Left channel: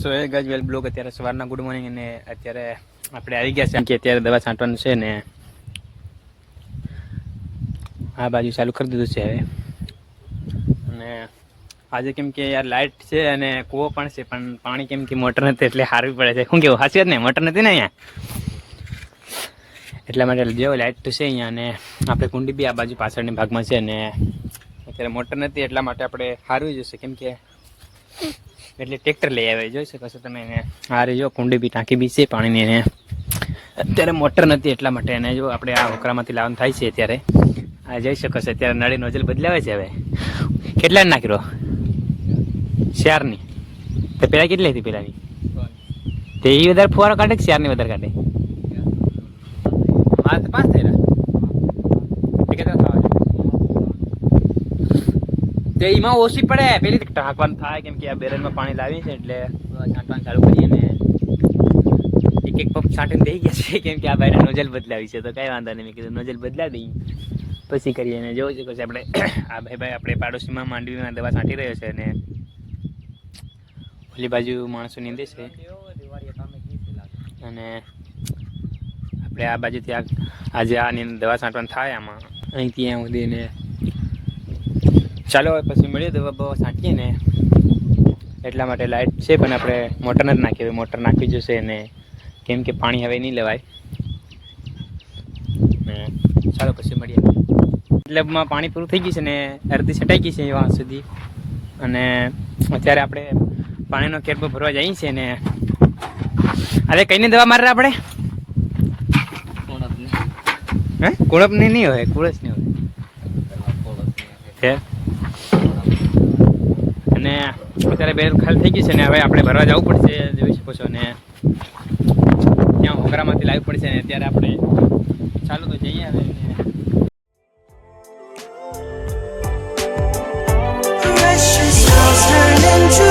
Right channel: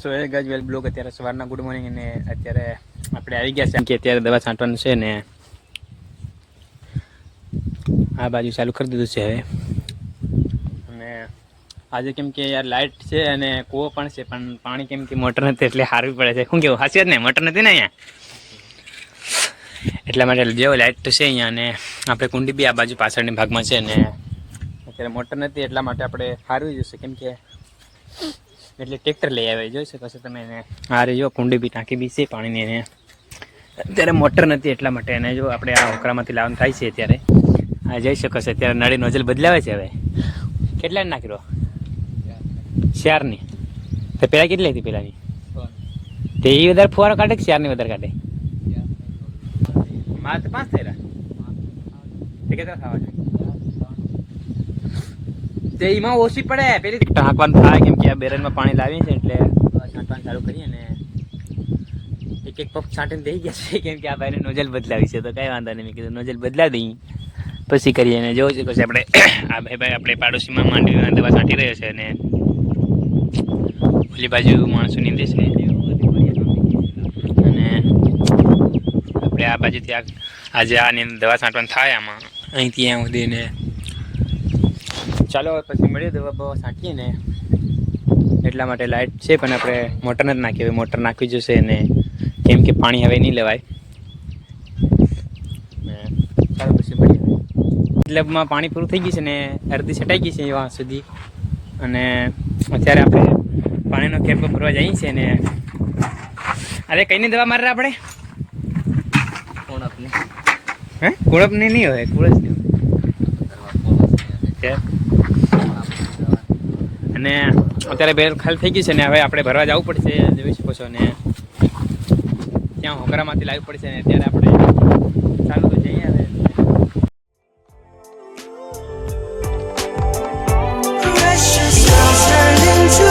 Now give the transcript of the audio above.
સો એ ગાજ વેલ blog અત્યારે સવારના good morning અને અત્યારે આપણે આવી ગયા છે કે અત્યારે દવા છાંટવાનું છે ને આ બાજુ ચાલુ કરી દીધું છે હવે. અને આજે કેમ કે યાર લાઇટ છે અને કૂવો પણ છે પણ પાણી કેમ કે મોટર નથી એટલે હારવી પડે છે. શું કેવું સાચી જ ને મોટર નથી ને અહીંયા એટલા માટે જેવો લાઇટ છે અહીંયા અને આપણે કુંડી બી આ બાજુ પાછળની ભાગમાં છે ને અત્યારે મોટર નથી એટલા માટે આપણે હારવી જશે કેમ કે એટલે ટ્રેક્ટર લઈ આવે જોઈ શકો છો તમે એને આ રહી જો કુંડી બી ટાંકી બી છે પાણીની એને અત્યારે મોટર નથી એટલા માટે એને જો આપણે આ હોકરામાંથી લાવવાનું થાય છે અત્યારે આ જઈ શકો છો અત્યારે નળી નોઝલ બદલાવે છે હવે કેટલા નાખી રહ્યો 4ની તો પહેલાં કેટલી હતી પહેલાંની તે એ વધારે ફુવારો કાઢે કે 4ની વધારે કાઢે 5 થઈ રહ્યા કેટલા થવા તે એમાં ઓછી પડે પેલી ઢાંકવાનું થાય કેમ કે આ બેરલમાં પાણી લાવીએ છે એટલે છાંટવાનું ચાલુ કરીએ ને એક પંપ છાંટીને દઈ ગયા છે કેમ કે આ ભાઈને નોઝલ બદલાવી છે તો કાંઈ વાંધો નહીં મેં કીધું નોઝલ બદલાવી દઈ પછી કરીએ ને જોવું છે પછી આપણે આ ભાઈ આપણે પાડોશીમાં માંડવીમાં દવા છાંટી રહ્યો છે અને ઓલી બાજુ માણસો નીંદે છે અને આપણે આ બાજુથી આજે આની દવા છાંટવાનું થાય આમાં અહીંથી ત્યાં સુધી ને ચાલો પછી મળીએ દવા બવા છાંટીએ ને એટલા માટે લાઇટ છે પણ આપણે મોટર નથી નાખી હવે મોટર નાખવી જશે ને કેમ કે પાણી હવે નહીં લેવાય ને ચાલો પછી મળીએ મતલબમાં પાણી પૂરું થઈ ગયું છે ને અડધી છટાઈ ગઈ છે એવા સુધી અને અત્યારે આપણે પાણીનો કેરપો ભરવા જઈએ છીએ ને અરે કઈની દવા મારે આપણે કુણપની હે કુણપની નહીં હોય કુળસ નહીં હોય અને અત્યારે બેર ખાલી થઈ ગઈ છે ને હવે આપણે ભરવા જવું પડશે જોઈ શકો છો ને ત્યાં હોકરામાંથી લાવવું પડશે ને અત્યારે આપણે ચાલુ તો જઈએ હવે Precious walls turn into